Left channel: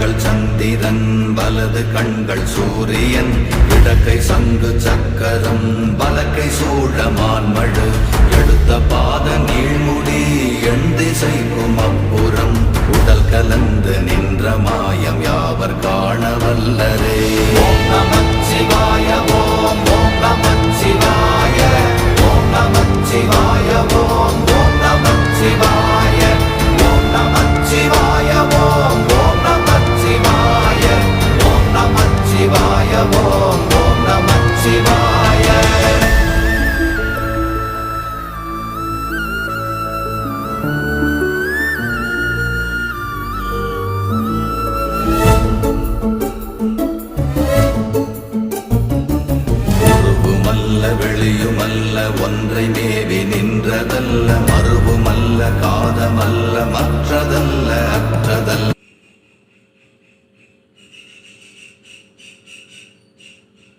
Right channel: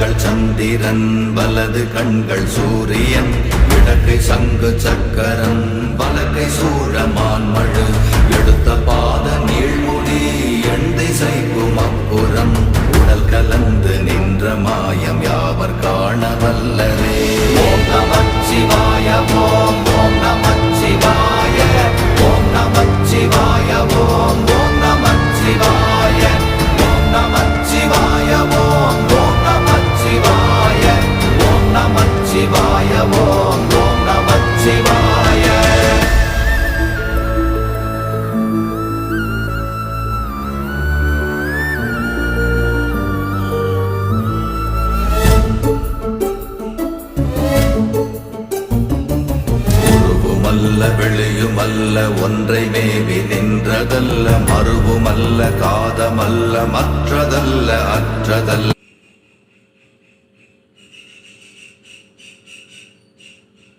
கண்கள் சந்திரன் வலது கண்கள் சூரியன் இடக்கை சங்கு சக்கரம் வலக்கை சூழமான்மழு எடுத்த பாத நீழ்முடி எண் திசைக்கும் அப்புறம் உடல் கலந்து நின்ற மாயம் யாவர் காண வல்லரே. ஓம் நமச்சிவாய ஓம் ஓம் நமச்சிவாய ஓம் நமச்சிவாய ஓம் ஓம் நமச்சிவாய ஓம் நமச்சிவாய ஓம் ஓம் நமச்சிவாய ஓம் நமச்சிவாய ஓம் ஓம் நமச்சிவாய. வெளியுமல்ல ஒன்றை மேவி நின்றதல்ல மறுவுமல்ல காதமல்ல மற்றதல்ல அற்றதல்ல